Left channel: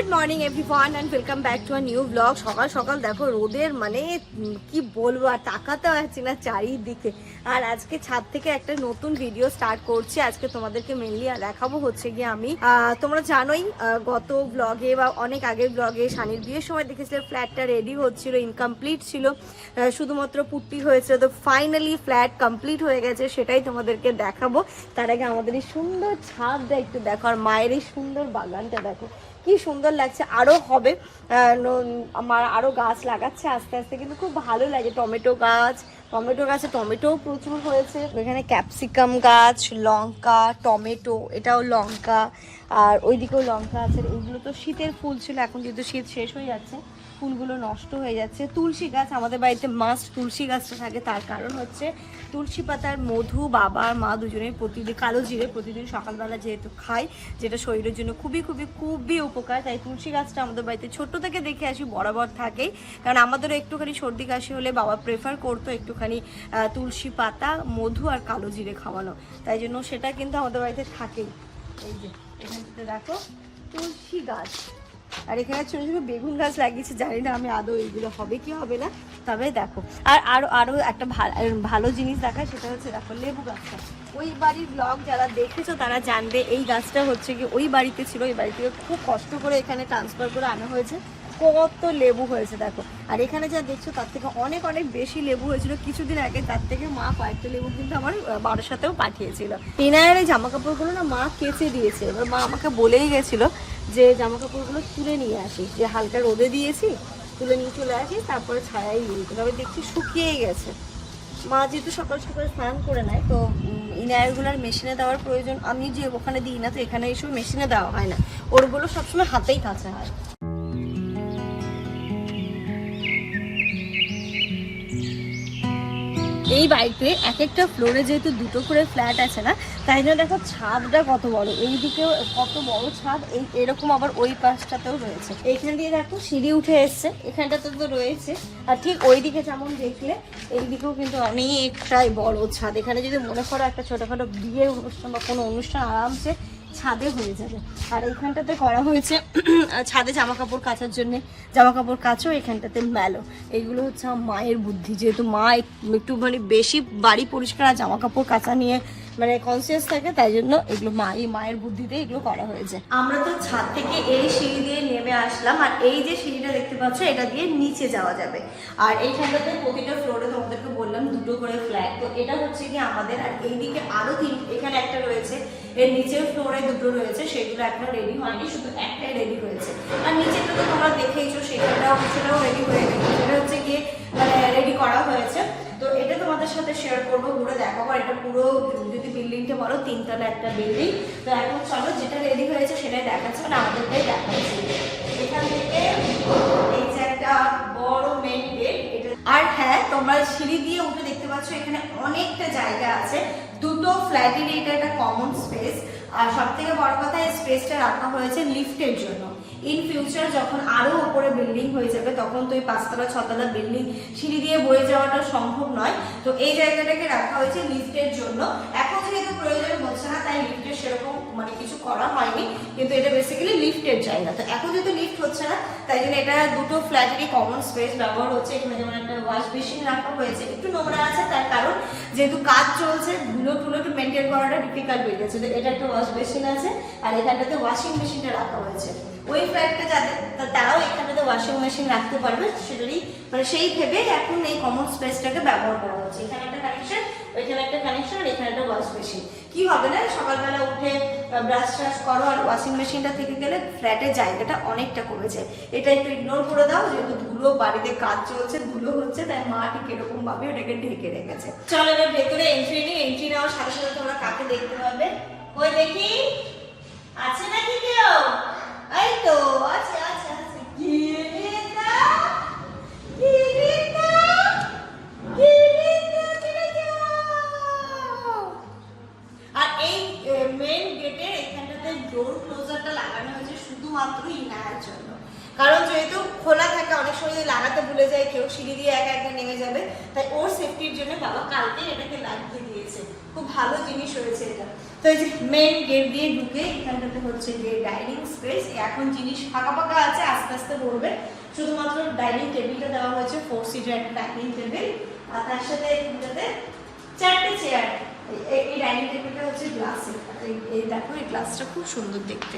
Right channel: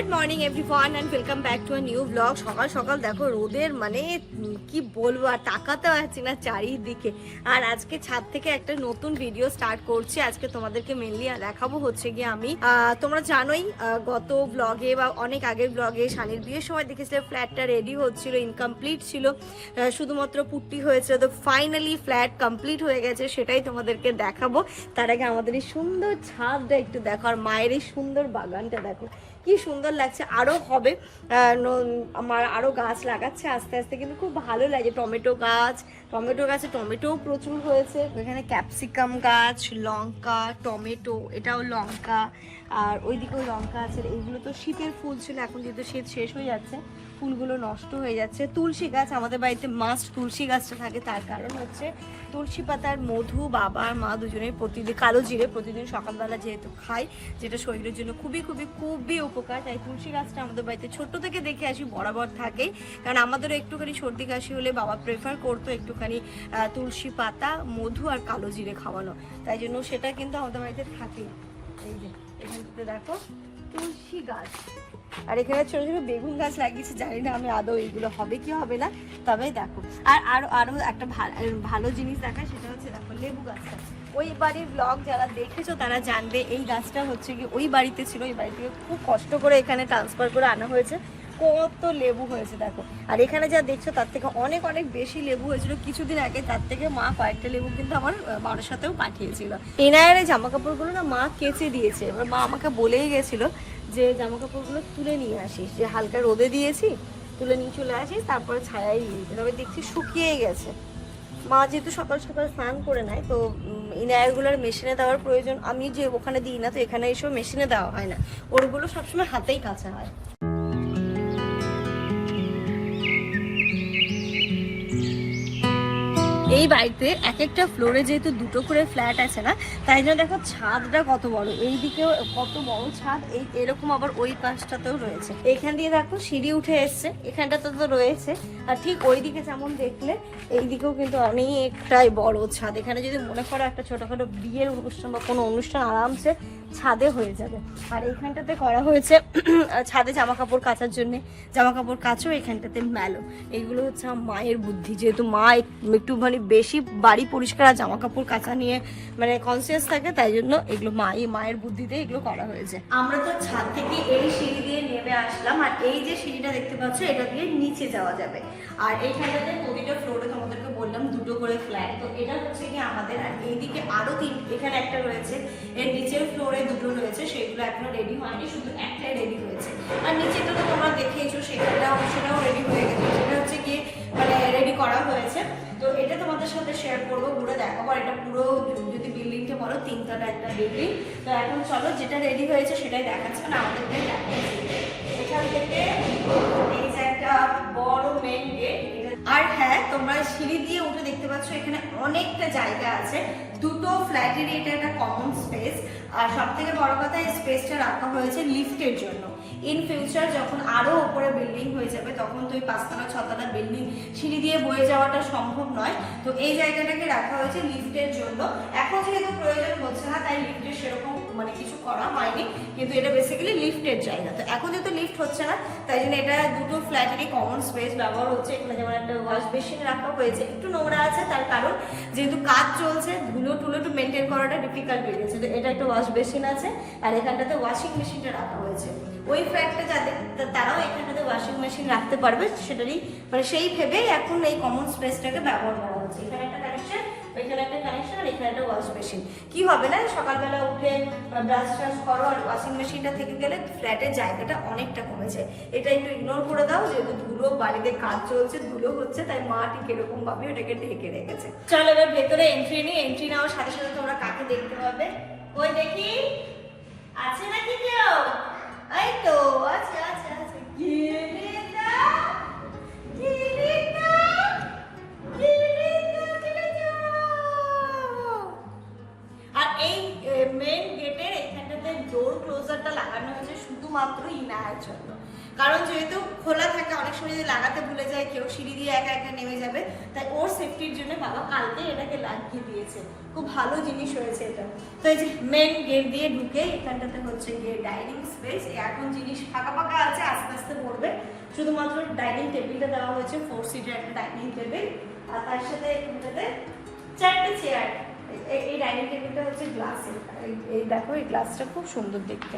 Good morning everyone and welcome back to a new blog সকাল সকাল দেখো, রোদের মানে কি বলব, আর তাকাতে পারছি না চারিদিকে। আর আজকে ছাদ থেকে একটা নতুন ভিডিও স্টার্ট করছি। আজকে তোমাদেরকে মেনলি দেখাবো হচ্ছে গিয়ে আমি। তোমরা জানোই গত ব্লগে বা অনেক আগের ব্লগে শানির বিয়ের সময় দেখেছিলে ফ্ল্যাটটা রেডি হচ্ছিল ইনকমপ্লিট ছিল। শুধুমাত্র পুট্টি হয়েছে, তো ফাইনালি ফ্ল্যাট কমপ্লিট হয়ে গেছে, সেটাই তোমাদেরকে দেখাবো। তার আগে আমাদের এই সুন্দর ছাদটা একটু দেখো, আর মায়ের এই সুন্দর বাগানটা দেখো। কি সুন্দর লাগছে। আরও হবে। আমার আরও গাছ লাগাচ্ছে আস্তে আস্তে, কিন্তু খুব ভালো লাগে। টমেটো গাছ, টমেটো গাছে টমেটোও প্রচুর হয়েছে। এখানে ক্যাপসিকাম গাছ, লঙ্কা, টমেটো, এটাও লঙ্কা, আর ওইদিকেও লঙ্কা আছে। এইগুলো তো শীতের ফুল ছিল, এখন যেহেতু শীত শেষ হয়ে যাচ্ছে, ফুলগুলো নষ্ট হয়ে যাচ্ছে। তুলসী গাছ আমাদের বাড়িতে মাস্ট তুলসী গাছটা থাকে, তার কারণ হচ্ছে তুলসী পাতার মধু বাবা আর মা দুজনেই প্রতিদিন, কালো জিরে প্রতিদিন সকালবেলা যেহেতু খাই, যেটা শরীরের জন্য খুবই খুবই খুবই উপকার। তাই তুলসী গাছটা আমাদের বাড়িতে ছোট্ট থেকে দেখে আসি, বরাবর থাকেই কারণ আমাদেরও একটুখানি সর্দি কাশি হলে বাবা প্রেফার করতো একটুখানি তুলসী পাতা, মধু আর কালো জিরে খাওয়ানো। তাই জন্য সেটা কিন্তু আমাদের বাড়িতে থাকেই। এই যে, এখানটাতে দেখো, তুলসী গাছ। আর এখানে ছোট ছোট বেগুন গাছ লাগিয়েছে, জানি না আমি আদৌ এইগুলো হবে কি হবে না, তবে দেখো। আর আরও আরও একটা ভালো জিনিস দেখায়, সেটা হচ্ছে দেখো লেবু গাছটা। ওই বাড়ির ব্লগ যারা দেখেছ, তারা জানবে এই গাছটা হচ্ছে কি, ওই বাড়িতে ছিল ওই বাড়ি থেকে খুব কষ্ট করে এখানে ট্রান্সফার করে আনা হয়েছে। কত লেবু হয়েছে দেখো। আর এখানে যা দেখছ, তার থেকে অনেক অনেক বেশি লেবু হয়েছিল। কিছুদিন আগে তার থেকে মা কয়েকটা লেবু কিন্তু আমার বাবার সাথেও পাঠিয়েছিল। এনার জামা কাপড়গুলো না মা কেচে দিয়েছে। এবার মা আমাকে বলেই গেছিল যে জামা কাপড়গুলো তুলে নিয়ে আসিস, যে হালকা রোদে দিয়েছি, তুলে নিয়ে চলে আসিস, তারপরে ছায়াই দিয়ে দিতে তবে দেখছি শুকিয়েই গেছে। মা যেহেতু সকাল সকাল স্নান করে নেয়, তো ইনায়ারগুলোর মেশিনে দেওয়ার প্রয়োজন আমি যে ওখানে দিই না, তো এখানে এসব মেশিনে দেওয়া হয় না। ওরগুলো সবসময় হাতেই কাছে হয়। এই বাড়িতে এক একটা ফ্লোরে যেহেতু দুটো করে ফ্ল্যাট আছে না, তাই জন্য দেখো ছাদটা কত বড়। এই দিকেও কত বড় ছাদ, এই এরকম আবার ওই পাশটাতেও রয়েছে। এখান দিয়ে দেখো সিঁড়ি উঠে এসছে, এখানটাতে তো রয়েছে। আর ঠিক ওই দিকে যেমন দেখলে এই দিকেও কিন্তু অনেকটাই বড় ছাদ। এখানে যদি মনে করো একটা ছোটখাটো বিয়ের অনুষ্ঠান বা কোনো অনুষ্ঠান আরামসে ছাদে হয়ে যাবে। আর এইখানটাতে করা হয়েছে, ছাদে জামা কাপড় কাচার জন্য জামা কাপড় কাচো এখানটাতে মেলো। এইগুলো হচ্ছে মায়ের বুদ্ধি। যেহেতু মা এক- একটু মানে বেশি বাড়ি পরিষ্কার আর জামা কাপড় কাচা নিয়ে মানে কনসিয়াস থাকে, তাই জন্য এগুলো মা এই মায়ের বুদ্ধিতে এগুলো করা হয়েছে। আমরা তো ছাদ থেকে এই সিঁড়ি দিয়ে নেমে আসলাম, আর এই যে সিঁড়িটা দেখতে পাচ্ছ, এটা দিয়ে নিচে যাওয়া যাবে। আর এইখানটাতে প্রতিটা ফ্লোরে তোমাদেরকে বললাম, দুটো করে ফ্ল্যাট তো এটা হচ্ছে কি আমাদের, আর এইদিকে আরও তিন এখানে একটা রয়েছে, এর নিচের ফ্লোরে দুটো রয়েছে, সেগুলো এখনও রেডি হয়নি, শুধু একটাই রেডি হয়েছে। আর নিচেটা তো তোমরা দেখেইছো, সেখানটাও সেটাও রেডি হয়ে গেছে সেটা হচ্ছে কি মানে রেডি করা হয়েছে। তো এটা তোমাদের সাথে শেয়ার করব, পুরো দেখো আর এটা পুরো যদি বিল্ডিংটা বলো, তিনতলা একটা বিল্ডিং তো এখন চলো, যেটা রেডি হয়েছে সেটাই দেখাচ্ছে মানে আমাদেরটাই দেখাচ্ছি। এখান থেকে এই যে একটা বড় মেন গেট আর হ্যাঁ তোমরা সিঁড়ি দিয়ে উঠে দেখতে পাচ্ছ, এখানে অনেকটা জায়গা আছে। দুটো ফ্ল্যাটেরই এটা একটা কমন স্পেস আর সব থেকে বড় কথা এই স্পেসটা রাখা হয়েছে লিফটের জন্য। ইন ফিউচার যখন আরও উপরে বিল্ডিং হয়ে যাবে, তখন তো এই পাঁচতলা, ছতলা বিল্ডিং সিঁড়ি দিয়ে বয়ে যাওয়াটা সম্ভব নয়। তো এই জায়গাটাকে রাখা হয়েছে লিফটের জন্য। এখন যেহেতু প্রয়োজন হচ্ছে না, তাই লিফটের সেরকম মানে কিছু করা হয়নি। কিন্তু এটা বেসিক্যালি লিফটের জায়গা। তো এখন যেহেতু লিফট হচ্ছে না, তাই জন্য এটা দুটো ফ্ল্যাটেরই কমন স্পেস ব্যবহার হচ্ছে। এখানে যেমন একটা ওয়াশ বেসিন রাখা হয়েছে, একটু নোংরা আছে তার কারণ যেহেতু কাজ চলছে, ধুলো টুলো একটু মেনটেন করাটা ডিফিকাল্ট হয়ে গেছে। তো এটা একটা ওয়াশ বেসিন আছে, আর এখানটাতে ওয়াশিং মেশিনটা রাখা হয়েছে। ওই ফ্ল্যাটটা যাদের তারাও এখানটাতে ওয়াশিং মেশিন রাখতে পারবে, সেটারই মানে সেই ভেবে এখন এই কমন স্পেসটাকে ব্যবহার করা হচ্ছে। এখানে একটা কানেকশন ওইখানে একটা কানেকশন আর এখানে একটা ওয়াশ মেশিন কি হবে না, সকালবেলা উঠে ব্রাশ ট্রাশ করো আর ওয়াশিং মেশিনটা থেকে গেলে ফ্ল্যাটের জায়গাটা অনেকটা কমেছে এটা একটু ইগনোর করে দাও, যেহেতু ধুলো, বাড়িতে কাজ চলছে ধুলো হচ্ছে, তাই মা ঠিক এরকম ভাবে ওটাকে ঢেকে রেখেছে। চলো এবার ভেতরে এন্ট্রি নিয়ে এন্ট্রি নেওয়ার সাথে সাথে তোমরা কাকে দেখতে পাবে? ওই দেখি, আছে নাকি কেউ? তো এই যে মেন গেট দিয়ে ঢুকে এখানটাতে হচ্ছে গিয়ে ডাইনিং স্পেস এখন জিনিস ফাঁকা ফাঁকা আছে, আস্তে আস্তে পড়বে। শুধুমাত্র ডাইনিং টেবিলটা দেওয়া হয়েছে ফোর ডাইনিং টেবিল আর তার সাথে চারটে চেয়ার এই ডাইনিং টেবিলটা হচ্ছে গ্লাসের দেখো, এই গ্লাসটা খুব সুন্দর দেখতে।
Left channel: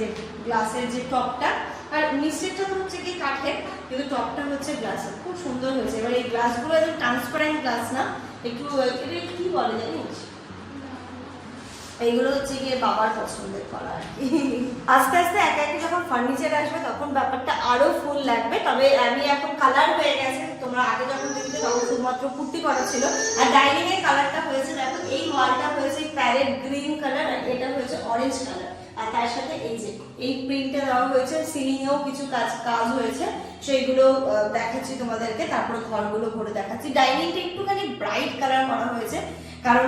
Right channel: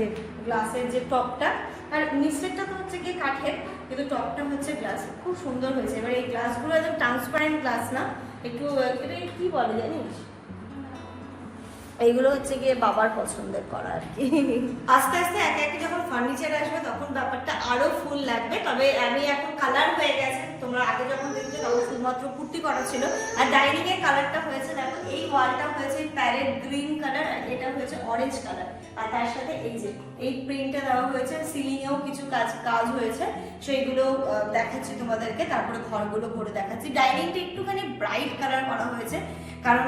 যে গ্লাসের যে টপটা আর নিচেরটা তো হচ্ছে কি কাঠের, কিন্তু টপটা হচ্ছে গ্লাসের খুব সুন্দর হয়েছে। এবার এই গ্লাসগুলো একদম ট্রান্সপারেন্ট গ্লাস না। একটু কি বলে জানিস? এইগুলো হচ্ছে গিয়ে বাবার পছন্দের করা আস্তে আস্তে এক একে যখন ফার্নিচার আসবে তখন ব্যাপারটা আরও ফুল লাগবে। তবে আমি এখন কালার হয়ে গেছে। তোমরা আগে যখন দেখছ তখন শুধুমাত্র কুর্তি করা ছিল। আর ডাইনিং এর কালারটা হয়েছে, দেখো, এই ওয়ালটা হয়েছে প্যারেট গ্রিন কালার আর এটা হয়েছে অরেঞ্জ কালার তার সাথে এই যে, এই প্রিন্টটা দেওয়া হয়েছে সিলিং এও কিছু কাজ কাজ হয়েছে। সেইগুলো দেখাচ্ছি তোমাদেরকে, তারপরে ঘরগুলো ঘুরে দেখাচ্ছি। ডাইনিংটা একটুখানি ব্রাইট কালার করা হয়েছে, কারণ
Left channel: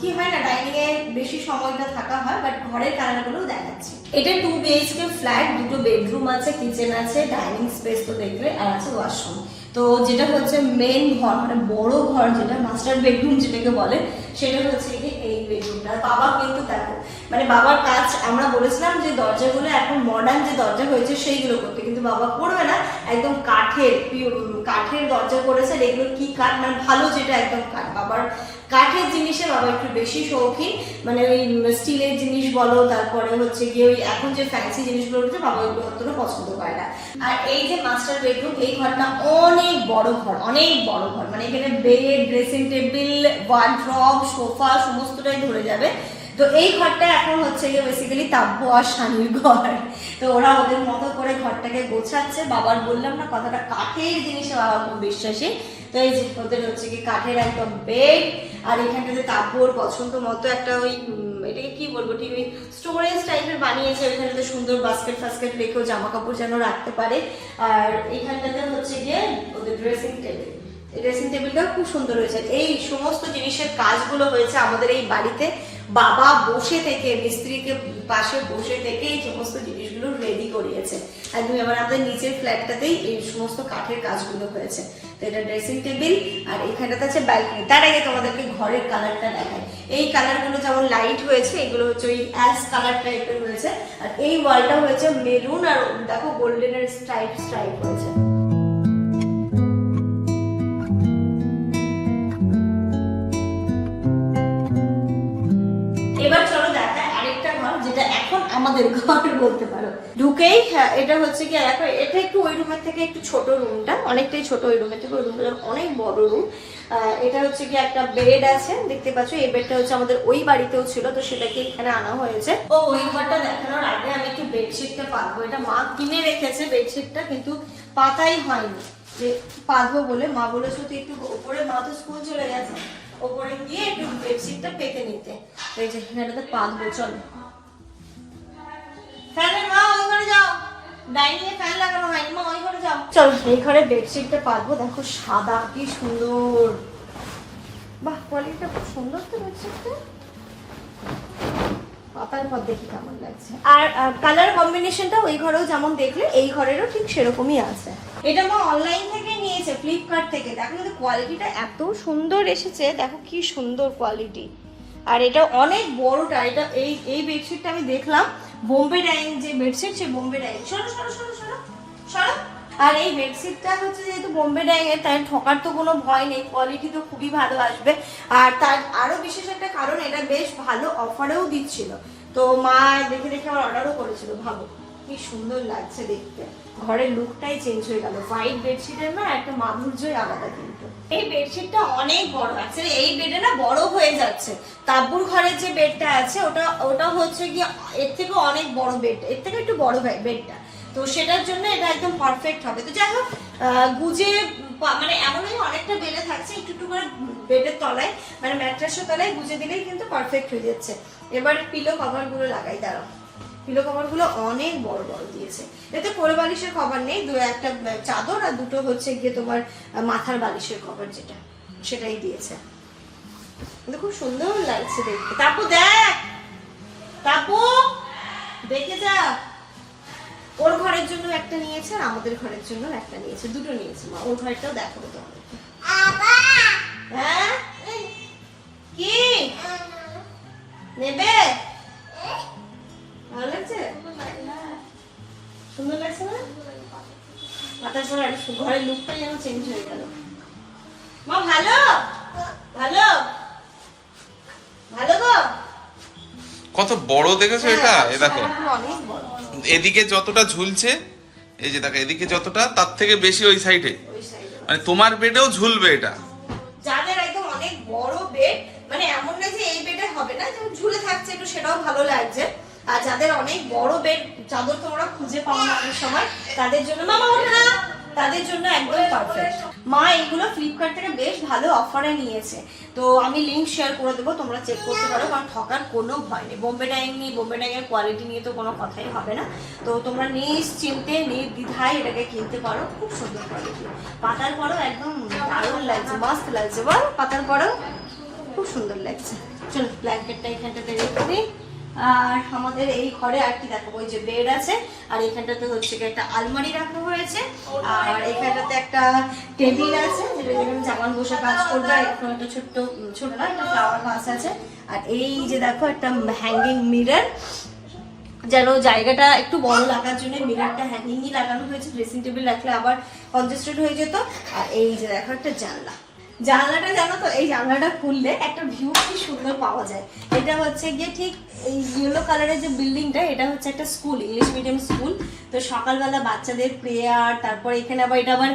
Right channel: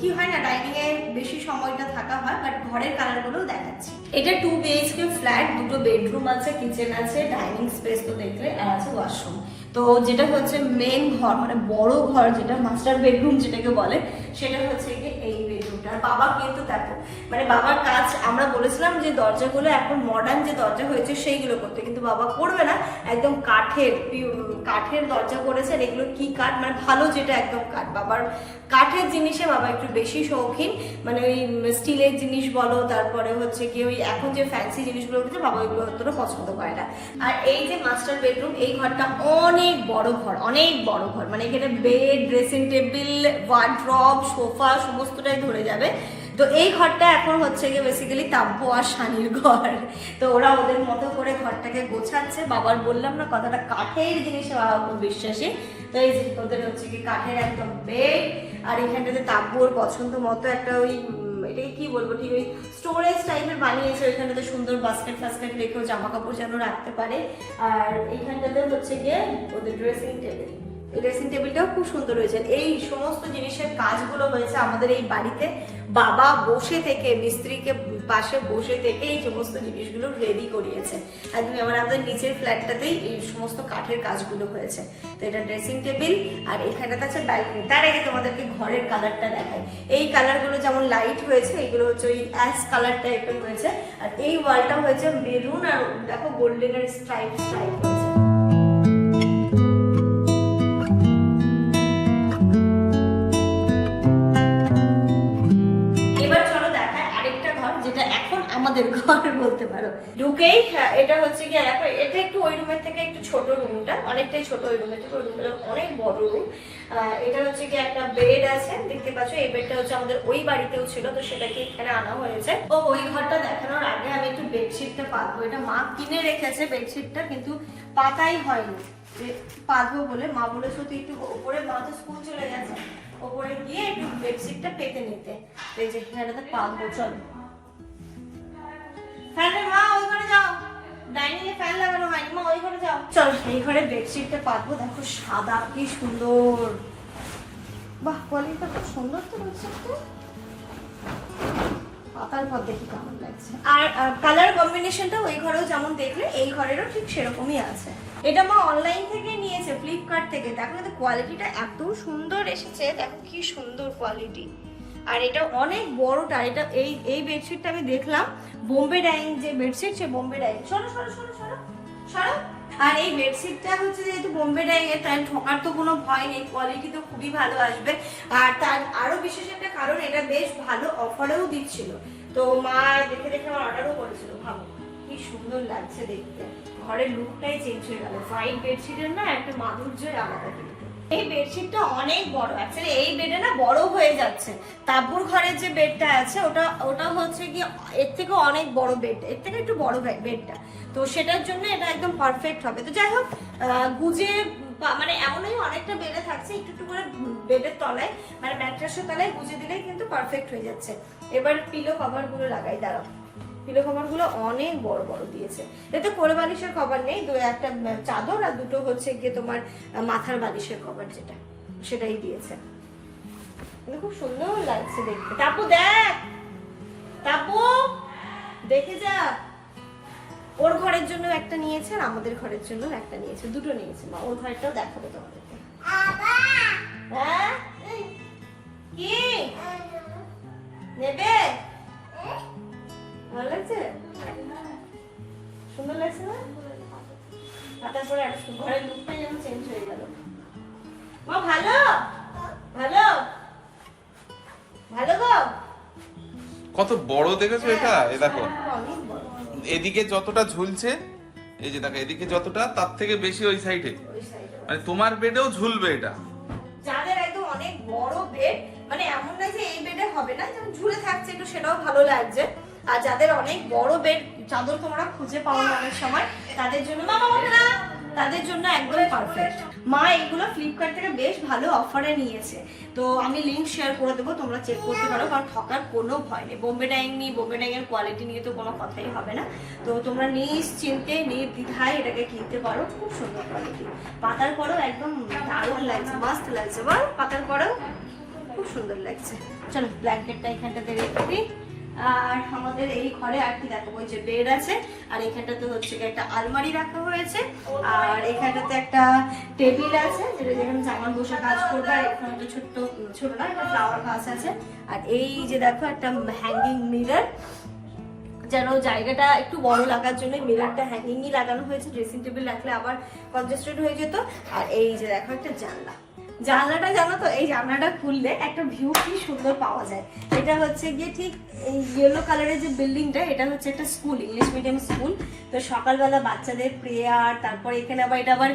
কি হয় না ডাইনিং এ বেশি সময়টা থাকা হয় বাট ঘরের কালারগুলোও দেখাচ্ছি। এটা টু বিএইচকে ফ্ল্যাট দুটো বেডরুম আছে কিচেন আছে ডাইনিং স্পেস তো দেখলে, আর আছে ওয়াশরুম তো যেটা হচ্ছে মেন ঘর মানে বড় ঘর যেটা মাস্টার বেডরুম যেটাকে বলে সেটা হচ্ছে যে এই বেডরুমটা। আর বাবা কিন্তু দেখো মানে বাবার কাজ, আমরা বলেছিলাম যে দরজাগুলো এখন মডার্ন যে দরজা হয়েছে সেইগুলো করতে, কিন্তু বাবা করবে না। একদম কাঠের কাঠের দরজা করেছে এগুলো কি কাঠ? মানে ভালো যেটা একদম কাঠ। বাবার কাঠের জিনিসে বাবা একটু বেশি শৌখিন। মানে ওই স্টিলের জিনিস বলো, তারপরে হচ্ছে গিয়ে ওই এখন যে ফ্যান্সি জিনিসগুলো উঠছে, বাবা ওইগুলো অতটা পছন্দ করে না। আর এই যে মাস্টার বেডরুম এই ঘরটা অনেক বড় ঘর, অনেক বড় ঘর। মানে এখানে bed dressing table wardrobe sofa সমস্তটাই ধরে যাবে। তো এই ঘরটা এখন হচ্ছে গিয়ে বেসিক্যালি তাব্য আর শানির ঘর। তো ওরা ওদের মতো করে ঘরটাকে গোছাচ্ছে। বাবার বললাম না, কথাটা কাঠের জিনিসে বাবা খুব বিশ্বাসী। তো এই যে ওদের হচ্ছে কি কাঠের একদম বেড আর এখানটাতে তাপুর পছন্দ মতো একটা ওই এটাকে কি বলব, ঠিক ওই স্টোরেজ টাইপের বানিয়েছে। ওইখানেতে সুন্দর বাস্কেট ফাস্কেট রেখেও জামা কাপড় যেন রাখতে পারে। আর এইখানটাতে হচ্ছে গিয়ে ওদের ড্রেসিং টেবিল ড্রেসিং টেবিলটাও খুব সুন্দর হয়েছে। এই সমস্ত জিনিসের কাজগুলো হয়েছে আমাদের এই বাড়িতে। বাবা বসে থেকে, মিস্ত্রিকে পাশে বসে থেকে এই সমস্ত জিনিসগুলো রেডি করিয়েছে। একদম এবার আমাদের নিচের ফ্ল্যাটটাতেই এই সমস্ত কাঠের কাজগুলো হয়েছে। তো এটা ড্রেসিং টেবিল আর এখানটাতে আছে ব্যালকনি তার আগে তোমাদেরকে ঘরের কালারটা দেখাই। এই কালারগুলো যেমন লাইট হয়েছে, এগুলো হচ্ছে ওই অ্যাশ কালার টাইপের হয়েছে। আর এই ওয়ালটা হয়েছে মেরুন আর দেখো গোল্ডেনের স্ট্রাইপ স্ট্রাইপ হয়েছে। আমাদের ঘর বলতে পারো। ঢুকেই হ্যাঁ, এটা হচ্ছে কি এটা একটু ওই রুমের থেকে একটু ছোট রুমটা অনেকটাই ছোট ওই রুমের থেকে ওই রুমটা অনেক বড় রুম এটা হচ্ছে কি একটা বেড আছে দেখতে পাচ্ছ এই বেডটা হচ্ছে আমাদের ওই বাড়িতেও ছিল তো সেটাকে এখানে আনা হয়েছে। ও ওই ঘরটা দেখানোর আগে আমি একটু বেডশিটটা পাতবো এটা মা কিনে রেখেছে বেডশিটটা কিন্তু পাতাই হয়নি। যে পাতবো বলে মা বলেছে তুই একটু ওপরে মা তো স্কুল চলে গেছে। ওপরে গিয়ে একটু বেডশিটটা পেতে নিতে। এই যে এখানে তো পাতবো চলো। মা, ওই ঘরে যাও। ফ্যান লাগানো হয়নি, মা, ওই ঘরে যাও। এই বেডশিটটা দেখো সাদা, কি সুন্দর। বাহ, কোয়ালিটিটা খুব সুন্দর তো পাতার কেমন লাগছে। আর কালার কম্বিনেশনটা ওই ঘরেও যেমন দেখলে, এই ঘরেরও ঠিক সেরকমই আছে। এটা মা অনলাইন থেকে নিয়েছে ফ্লিপকার্ট থেকে। দেখো কোয়ালিটিটা এত সুন্দর এসেছে, দেখো কি সুন্দর কোয়ালিটি আর এটা অনেক বড়টা এটা এই এই বেডশিটটা আমি দেখলাম। বোম্বে ডাইং যে বেডশিট সে বোম্বে ডাইং সরো সরো সরো সরো সরো। আর এই বেডশিটটা হচ্ছে যেহেতু বোম্বে ডাইং এর তাই ঠকার তো কোনো ভয় নেই কোয়ালিটি তো খুবই ভালো আসবে। আর তার আরও বিশেষ একটা কারণ, এটা বেশ ভালো অফারেও দিচ্ছিল। তো মা দেখে দেখে আমার অর্ডারও করেছিল ভালো কি সুন্দর লাগছে দেখতে। ঘরের লুকটাই চেঞ্জ হয়ে গেল। হোয়াইট বেডশিটের না একটা মাধুর্যই আলাদা কিন্তু এই বেডশিটটা অনেক বড়। অ্যাকচুয়ালি এই বেডে না বড় হয়ে যাচ্ছে। তাব্বুর ঘরের যে বেডটা আছে, ওটা ওটা হচ্ছে কি এর থেকে অনেক বড় বেড এর থেকে একটু বড় হয় বেডটা তো সেটার জন্য এটা একদম পারফেক্ট হবে। তো যাই হোক গুজে মানে এমনই অনেকটা বেড়ে থাকছে, একটু একটু করে বেডের তলায় মানে ম্যাট্রেসের তলায় গুজে দিলেই কিন্তু পারফেক্ট হয়ে যাচ্ছে। এবার পিলো কভারগুলো লাগাই, দাঁড়াও। পিলো কভারগুলো অনেক বড় বড় দিয়েছে। এতে কোলে বালিশের কভার নেই, দু একটা চাদর আর দুটো হচ্ছে গিয়ে তোমার মাথার বালিশের কভার যেটা, সেটাই দিয়েছে। খুব সুন্দর লাগছে দেখতে। তাপু, দেখ! তাপু! দেখে যা! ওর ঘরের জন্য একটা নিয়েছে আর আমাদের ঘরের জন্য একটা নিয়েছে। দুটো নিয়েছে, মা। ওর ঘরেরটাও দেখাবো তোমাদেরকে। হ্যাঁ? কি? নেবে? ভালো লাগছে? সুন্দর লাগছে না? হাতের পরে ঘরের লুকটা যেন চেঞ্জ হয়ে গেল। মা ভালো? ভালো? ভালো গো? কত বড় দেখেছ এটা? এ দেখো। এদিকে যতটা ঝুলছে এই যে দেখো এদিকে যতটা তার থেকে বেশি ওই সাইডে ওই সাইডে মানে তোমার বেডেও ঝুলবে এটা। যাদের একদম অনেক বড় বেড মানে এমন নয় যে এই বেডে হবে না যেমন ঝুলে থাকছে একটু সেটাও ভালো লাগছে। আর যাদের অনেক বড় বেড চাদর তোমরা খুঁজে পাও না অনেক সময়, তাদের জন্য মামা না। তাদের জন্য একদম পারফেক্ট মা এইগুলো ফ্লিপকার্ট থেকে বেশ ভালো অফারে নিয়েছে। তো আমি লিঙ্ক শেয়ার করে দেবো, তোমরা চেক করতে পারো, কারণ ঠকার কোনো ভয় নেই। বোম্বে ডাইং নিয়ে বোম্বে ডাইংয়ের কোয়ালিটি নিয়ে তো কোনো কথাই হবে না। তো তোমরা নিশ্চিন্তে, নির্দ্বিধায় এটাকে কিনতে পারো। খুব সুন্দর কোয়ালিটি পাতার পরেও একদম দারুণ লাগছে, মস্ত লাগছে। বলো, পাতার পরেও খুব সুন্দর লাগছে। চলো ব্ল্যাঙ্কেটটা এখানটাতে রেখে দিই। আর আমাদের এই ঘরে আর কি দেখাবো? ওই যে বেড আছে, আর এখানটাতে হচ্ছে একটা আলমারি রাখা হয়েছে, আর এখানটাতে একটা টেবিল আছে, যেটা যেখানে জামান বসে কাজ করবে, আর এখানে একটা ছোট্ট ছোট না, একটা ফ্লাওয়ার গাছ আছে। আর এই যে দেখো, একটা হ্যাঙ্গিং মিরর যেন জায়গাটা একটু বড় লাগার জন্য মিররটা হ্যাঙ্গিংই লাগানো হয়েছে ড্রেসিং টেবিল রাখলে আবার কনজেস্টেড হয়ে যেত। আর এই যে দেখো, একটা জানলা। জানলাটা জানো তো, এই জানলাটা খুললে একটা ভিউ কি সুন্দর পাওয়া যায়। এটা হচ্ছে গিয়ে ঠিক এই ইয়েলো কালারের যে বিল্ডিংটা এটা হচ্ছে একটা স্কুল ইংলিশ মিডিয়াম স্কুল তো সকালবেলা বাচ্চাদের প্রেয়ার তারপর এখানে আবার এটা আবার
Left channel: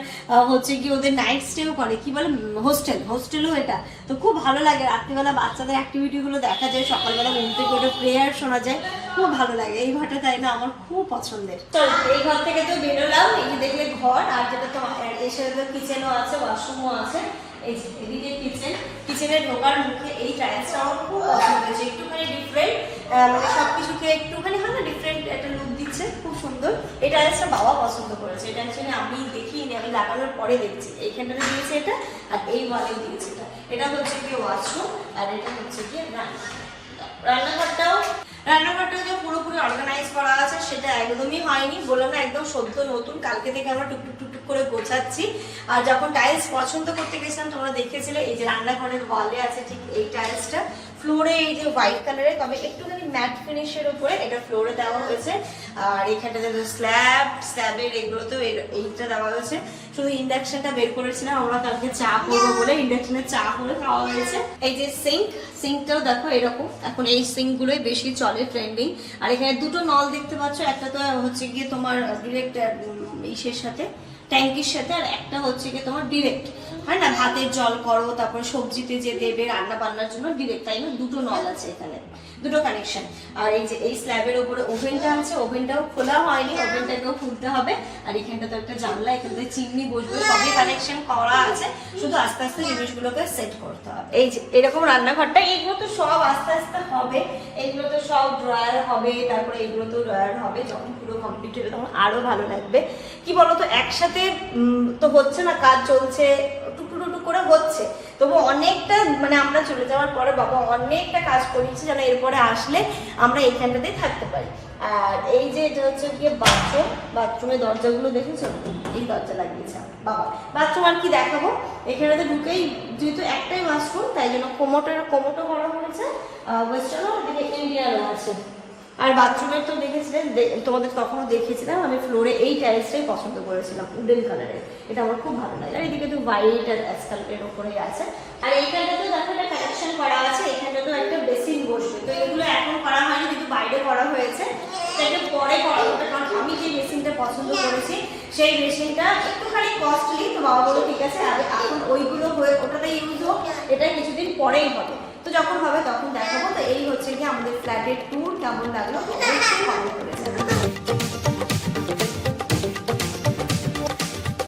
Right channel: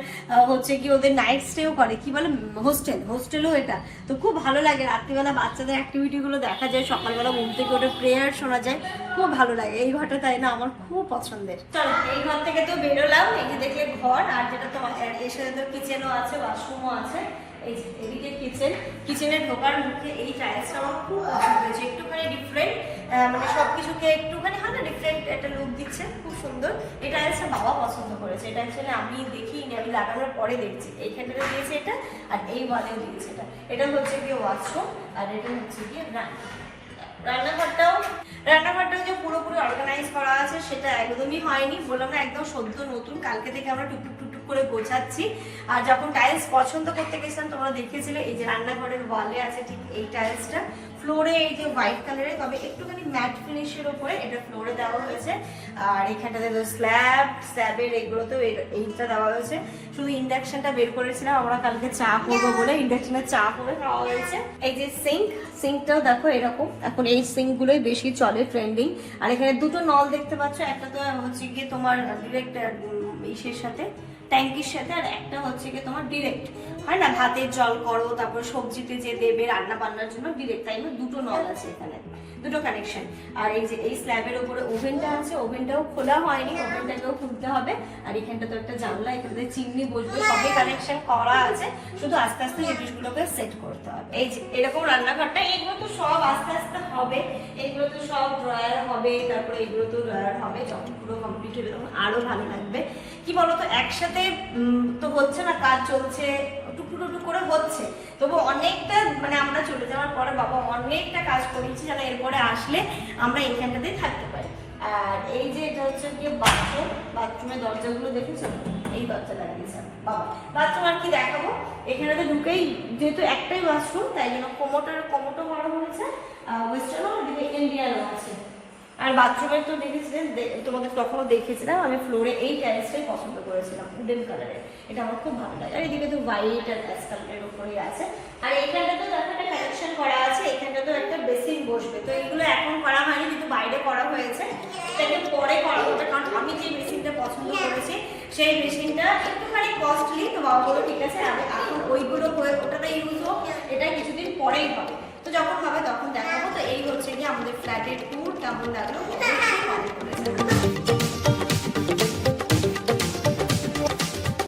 হচ্ছে কি ওদের নাইট স্টেও করে। কি বলে? হোস্টেল হোস্টেলও এটা। তো খুব ভালো লাগে। রাত্রিবেলা বাচ্চাদের অ্যাক্টিভিটিগুলো দেখা যায়। সকালবেলা ঘুম থেকে ওটা প্রেয়ার শোনা যায়। খুব ভালো লাগে। এই ঘরটা তাই না? আমার খুব পছন্দের। তো এই ঘর থেকে তো বেরোলাম। যে দেখলে ঘর, আর যেটা তো এসে তো কিচেনও আছে ওয়াশরুমও আছে। এই এদিকে কিচেন কিচেনে ঢোকার মুখে এই টাইলসটা আমার খুব পছন্দ হয়েছে। একটুখানি ডিফারেন্ট মানে সবকিছুকে একটুখানি, হয়, না ডিফারেন্ট একটা লুক দিচ্ছে, খুব সুন্দর। এই টাইলসটা বাবা পছন্দ করেছে। এটা অ্যাকচুয়ালি আমি দেখিনি, আমি লাগানোর পরে দেখছি। এইখানটাতে দিয়েছে এটা, আর এই ওয়ালেও দিয়েছে এটা। এটা হচ্ছে গিয়ে ওয়াশরুম আর এটা হচ্ছে গিয়ে রান্না রান্নাঘরটাও রান্নাঘরটাও যে পুরোপুরি অর্গানাইজ করা আছে, সেটা একদমই হয়নি। বললাম না, একদম সদ্য নতুন। কালকে থেকে আমরা টুকটুক টুকটুক করে গোছাচ্ছি। আর যখন টাইলস পছন্দ করতে গেছিলাম, তোমরা দেখেছিলে এই যে রান্নাঘরের ওয়ালে আছে ঠিক এই টাইলসটা ফ্লোরে এই যে হোয়াইট কালারের তবে একটুখানি ম্যাট ফিনিশের উপরে এটা ফ্লোরে দেওয়া হয়েছে। আর এখানটাতে স্ল্যাব স্ল্যাবের এগুলোতেও এইটা দেওয়া হয়েছে। শুধু ইন্ডাকশনটা বের করেছিলাম, আমরা কালকে চা করব বলে ইন্ডাকশনে চা করে খাওয়া হয়েছে। এই যে সিঙ্ক সিঙ্কটাও দেখো এরকম। এখন এই সিঙ্ক গুলোই বেশি চলে ট্রেন্ডিং আর এখানে দুটো নল দেখতে পাচ্ছ, একটা তো হচ্ছে গিয়ে তোমার ডিরেক্ট ইসের সাথে। ট্যাঙ্কির সাথে, আর একটা হচ্ছে গিয়ে তোমার ডিরেক্ট হয় না, ভাতের জল করো, তারপর সবজিতে যে দেবে রান্না বান্নার জন্য ডিরেক্ট তাই দুটো নল আছে এখানে, দুটো কানেকশন আর এই যে, এই স্ল্যাবের উপরে ওভেনটা আছে ওভেনটাও খোলা হয়নি ওভেনটাকেও খুলতে হবে। আর এখানটা তো একটা জানলা, এখানে চিমনি, বসবে, সবই কানেকশন করা আছে। শুধু আস্তে আস্তে জিনিসগুলোকে সেট করতে হবে। এই যে, এরকম রান্নাঘরটা, এগুলো তো সব আস্তে আস্তে হবে। এগুলো তো সব ড্রয়ার হবে, তারপরে এগুলো তো ড্রয়ার হবে, যখন পুরো কমপ্লিট হবে, তখন আরও ভালো লাগবে। কি বলতো, একসাথে উম, তো হচ্ছে না কাজ চলছে টুকটু টুকটু করে হচ্ছে। তবু অনেকটা মানে আমরা চলে যাওয়ার পরে বাবা অনেকটা কাজ করেছি যেন এরপরে আসলে আমরা এইখানটাতেই থাকতে পারি। আর এই যে এটা হচ্ছে গিয়ে বাথরুম বাথরুমের দরজাগুলো দেখেছ? এই দরজা লাগিয়েছে বাবা। বাথরুম আর কি দেখাবো? এখানে তো ঢুকেই যেহেতু একটাই বাথরুম তাই জন্য কোমোটের কোমোটো করা হয়েছে ওয়েস্টার্ন এদিকে ইন্ডিয়ানও আছে। আর বাথরুমের তো দেখেছিলেন তোমাদের তখনও দেখেছিলাম আমি ফ্লোরে এই টাইলসটাই পছন্দ করেছিলাম উডেন কালারের এটা আমার খুব ভালো লাগে। আর এদিকে তো হোয়াইট আর অ্যাসফাল্টের উপরেই আছে। আর এইখানটাতেও দেখো একটা কালেকশন করা আছে এখানটাতেও একটা বেসিন বসবে। তো এগুলো এখন করা হয়নি কিন্তু বাইরে করা হয়েছে। সেটা পরে করা হবে, কারণ আমি যে মেশিনটা পছন্দ করেছি, সেই মেশিনটা একটুখানি কস্টলি তো বাবা বলো ঠিক আছে এখন ওইগুলো হয়ে, ওটাতে ইউজ হোক, এটা কিছুদিন পরেই হবে। তো যখন হবে তখন দেখাবো। তো এই হচ্ছে কি আমাদের ফ্ল্যাটের ট্যুর কেমন লাগল? comment